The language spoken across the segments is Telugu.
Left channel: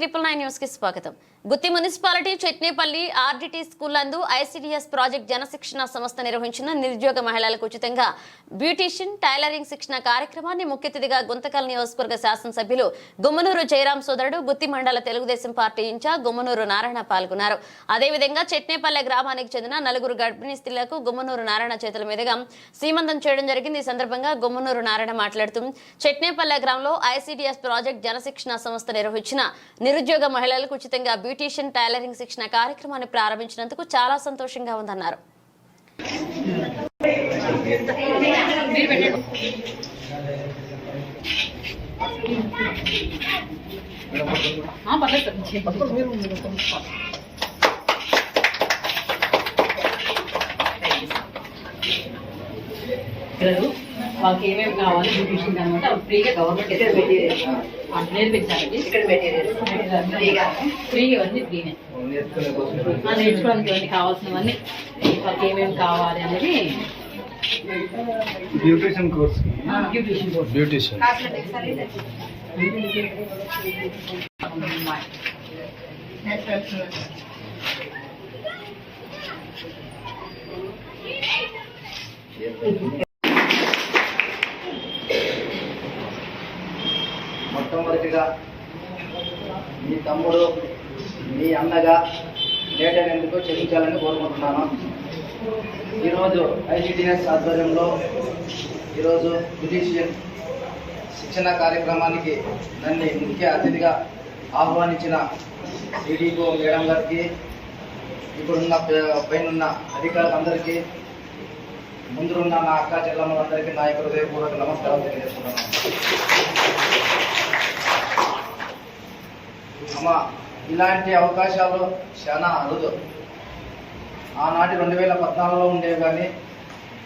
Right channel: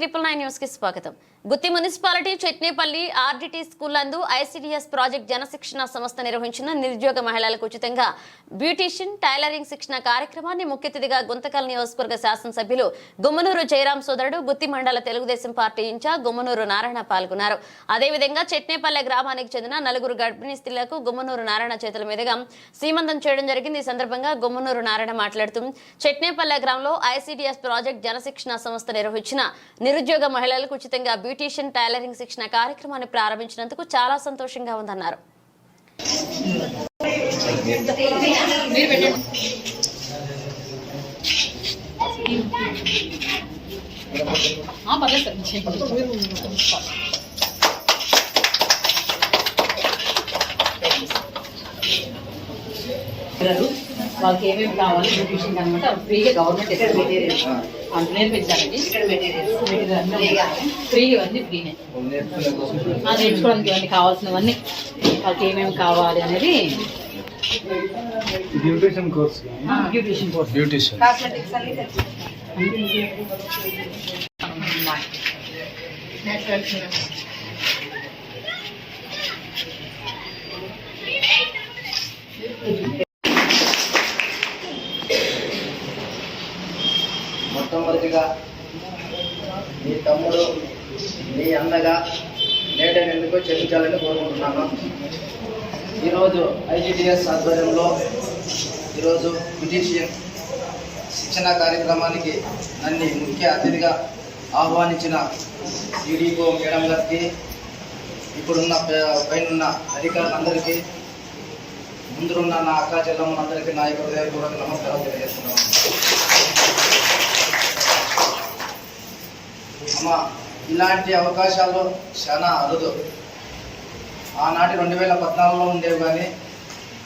ట్రిపుల్ నైన్ న్యూస్కి స్వాగతం. Gutti municipality Chetnepalli RDT school నందు ఐసిడిఎస్ ప్రాజెక్ట్ జనశిక్షణ సంస్థ నిర్వహించిన నిరుద్యోగ మహిళలకు ఉచితంగా బ్యూటీషియన్ టైలరింగ్ శిక్షణ కార్యక్రమాన్ని ముఖ్య అతిథిగా గుంతకల్ నియోజకవర్గ శాసనసభ్యులు గుమ్మనూరు జయరాం సోదరుడు గుత్తి మండల తెలుగుదేశం పార్టీ ఇన్ఛార్జ్ గుమ్మనూరు నారాయణ పాల్గొన్నారు. అదేవిధంగా చెట్నేపల్లె గ్రామానికి చెందిన నలుగురు గర్భిణీ స్త్రీలకు గుమ్మనూరు నారాయణ చేతుల మీదుగా సీమంతం చేయడం జరిగింది. ఈ సందర్భంగా గుమ్మనూరు నారాయణ మాట్లాడుతూ చెట్నేపల్లె గ్రామంలో ఐసిడిఎస్ ప్రాజెక్ట్ జనశిక్షణ సంస్థ నిర్వహించిన నిరుద్యోగ మహిళలకు ఉచితంగా బ్యూటీషియన్ టైలరింగ్ శిక్షణ కార్యక్రమాన్ని ప్రారంభించినందుకు చాలా సంతోషంగా ఉందన్నారు. ఆ, వాళ్ళకి ఏమేమి కావాలి బ్యూటిషియన్ అనమాట ఫ్రీగా గవర్నమెంట్ వంట నేర్పించాలండి. ఇక్కడ మెటీరియల్స్ ఫ్రీగా. ఫ్రీగా ఇవన్నీ ఫ్రీనే. ఆ, నేర్చుకోవడానికి ఇవన్నీ కావాల్సినవన్నీ వాళ్ళకి ఏమేమి కావాలి అనేది beautician course beautician course beautician మొట్టమొదటిగా మీ తమ్ముడు మీ అన్నగా నేటైనందుకు చెల్లించాలని కోరుకుంటున్నాను. ఈరోజు ఐజీడిఎస్ ఆధ్వర్యంలో ఈరోజు బ్యూటీషియన్ శిక్షణ కార్యక్రమానికి నన్ను ముఖ్య అతిథిగా ఆహ్వానించిన సిడిఓ మేడం గారికి ఇప్పుడున్న పే- పైనున్న అధికారులందరికీ ముందున్న నా అక్క చెల్లమ్మలందరికీ నా యొక్క హృదయపూర్వక నమస్కారం తెలియజేస్తున్నాను. అమ్మ ఇలాంటి అవకాశాలు చాలా అరుదు. ఆనాటి రెండు వేల పద్నాలుగులో ఉండేవి కానీ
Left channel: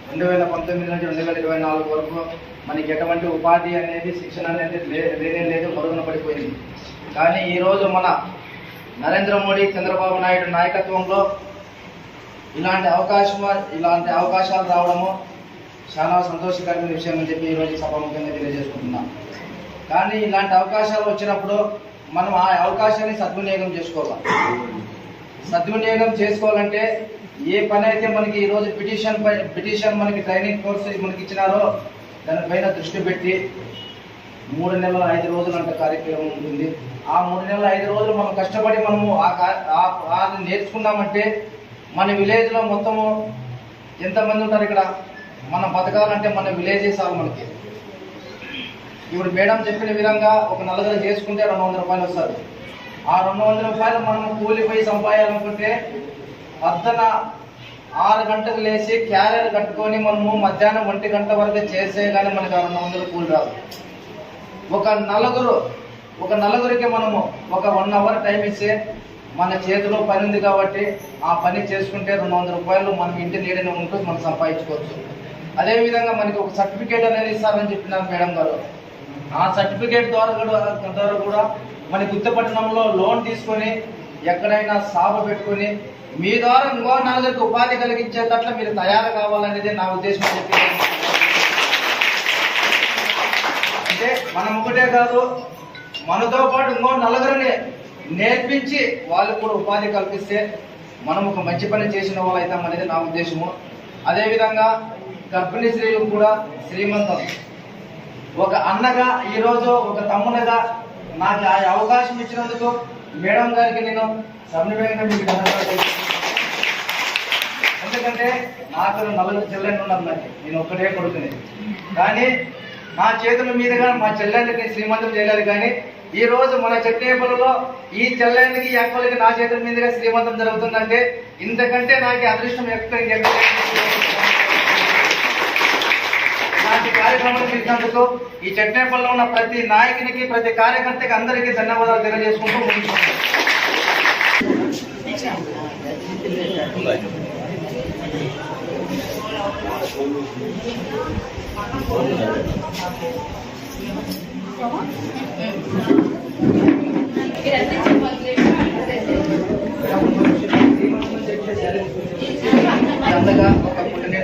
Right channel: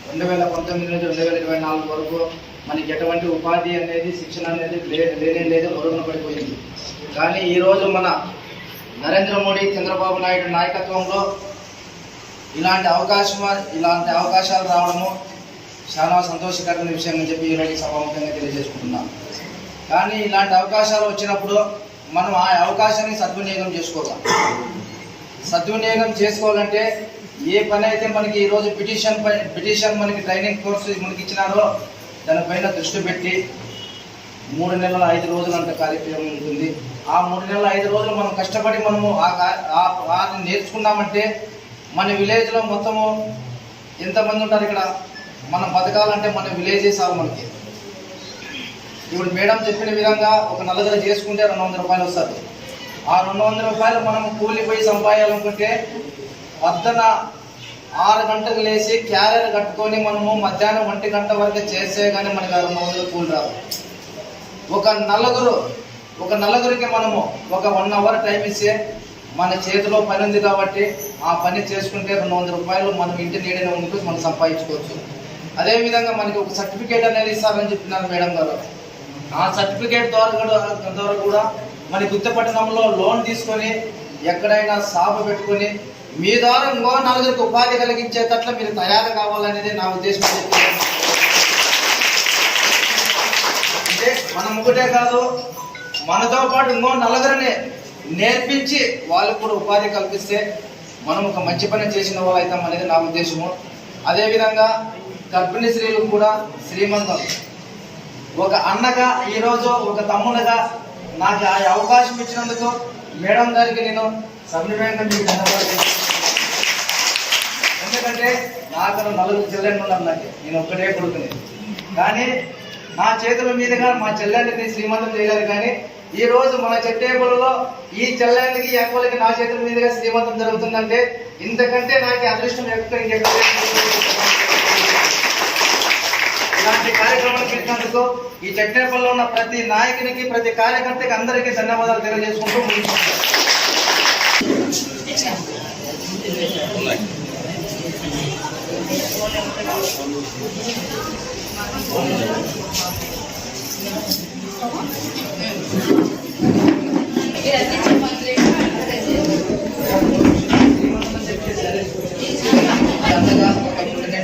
రెండు వేల పంతొమ్మిది నుంచి రెండు వేల ఇరవై నాలుగు వరకు మనకి ఎటువంటి ఉపాధి అనేది శిక్షణ అనేది లే- లేనే లేదు మరుగున పడిపోయింది. కానీ ఈరోజు మన నరేంద్ర మోడీ చంద్రబాబు నాయుడు నాయకత్వంలో ఇలాంటి అవకాశం ఇలాంటి అవకాశాలు రావడము చాలా సంతోషకరమైన విషయం అని చెప్పి ఈరోజు సభాముఖంగా తెలియజేసుకుంటున్నాం. కానీ ఇలాంటి అవకాశాలు వచ్చినప్పుడు మనం ఆ అవకాశాన్ని సద్వినియోగం చేసుకోవాలి. సద్వినియోగం చేసుకోవాలంటే ఏ పని అయితే మనకి ఈరోజు పిటిషన్ పై పిటిషన్ మనకి ట్రైనింగ్ కోర్సు మనకి ఇచ్చినారో దానిపైన దృష్టి పెట్టి మూడు నెలల ఐదు రోజులు అంత కార్యక్రమం ఉంటుంది. ఆ మూడు నెలల ఐదు రోజులు మనం కష్టపడి మనము ఆ కా- ఆ- నేర్చుకున్నామంటే మన విలేజ్లో మొత్తము ఎంతమంది ఉంటారు ఇక్కడ? మనం బతకాలంటే మన విలేజే చాలు మనకి. ఇప్పుడు మేడం చెప్పిన విధంగా ఒక నలుగురు చేసుకుంటే రెండు వందల రూపాయలు వస్తుంది. ఆ రెండు వందల రూపాయలు మనం కూలిపోయి సంపాదాలనుకుంటే పొద్దున ఆరు గంటకు లేచి క్యారియర్ కట్టుకొని మనము మధ్యాహ్నం ఒంటి గంట వరకు చేస్తే కానీ మనకు రెండు వందలు కూలి రాదు. ఒక నలుగురు ఒక నలుగురికి మనము ఒక వన్ అవర్ టైం ఇస్తే మన చేతిలో పని ఉంది కాబట్టి ఆ పని చేసుకుంటే రెండు వందల రూపాయలు మనం ఇంటి నీడనే ఉంటూ మనం సంపాదించుకోవచ్చు. అదేవిధంగా మనకి ఒక సర్టిఫికేట్ అనేది ఇస్తారని చెప్పినారు మేడం గారు. ఆ సర్టిఫికేట్ ద్వారా కూడా ద్వారా కూడా మన గుత్తపట్టణంలో లోన్ తీసుకొని ఎక్కడైనా సాప పెట్టుకొని మీ ద్వారా ఇంకో నలుగురికి ఉపాధి కలిగించేటట్లు మీరు తయారు కావాలనేది నా ఉద్దేశం చెప్పి అంటే మనం ఒకటే కాదు మనతో పాటు ఇంకో నలుగురిని నేర్పించి వాళ్ళకు కూడా ఉపాధి కల్పిస్తే మనం ఒక మంచి పని చేసిన వాళ్ళు అవుతాం అనేది నా ఉద్దేశము. అదేవిధంగా గర్భిణీ స్త్రీలకు కూడా శ్రీమంతం. ఒక అన్నగా ఈరోజు ఒక తమ్మునగా నాకు ఆ అవకాశం ఇచ్చినందుకు మేడం గారికి నేను సమన్వయంగా మీకు ధన్యవాదాలు ఎందుకంటే నాకు నలుగురు చెల్లెండి ఉన్నారు నాకు. నేను ఒక్కటే కొడుకుని. కానీ నా చేతుల మీదుగా మా చెల్లెళ్ళకి శ్రీమంతం చేయలేదు కానీ ఈ రోజు మన చెట్టేపల్లిలో ఈ చెల్లెళ్ళకి ఈ నా చేతుల మీదుగా శ్రీమంతం జరుగుతుందంటే ఇంతకంటే నాకు అదృష్టం ఎక్కడ ఇంకెక్కడ ఇలాంటి కార్యక్రమాలు చేసినందుకు ఈ చట్నేపల్లిలో ఉన్న ప్రతి నాయకునికి ప్రతి కార్యకర్తకి అందరికీ ధన్యవాదాలు తెలియజేసుకుంటూ ముగించుకుంటాం అంతగా ఒక పుట్టిన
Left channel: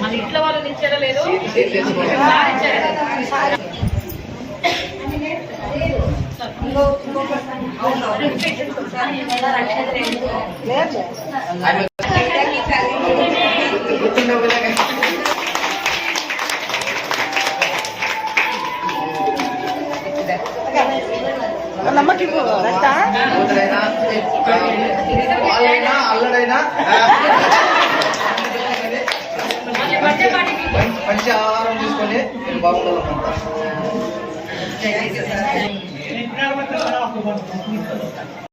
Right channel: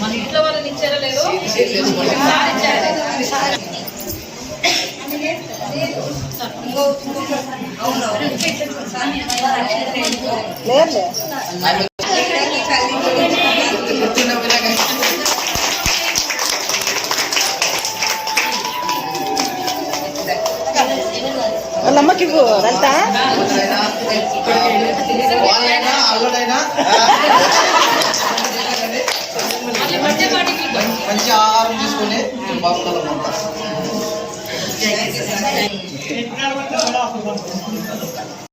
మన ఇంట్లో వాళ్ళని ఇచ్చారో లేదో? ఇచ్చారు ఆమె గుర్తుండే విధంగా కూతురైనా, వాళ్ళైనా అల్లడైనా ఆహారం తీసుకొని బాగుండాలన్నమాట Thank you.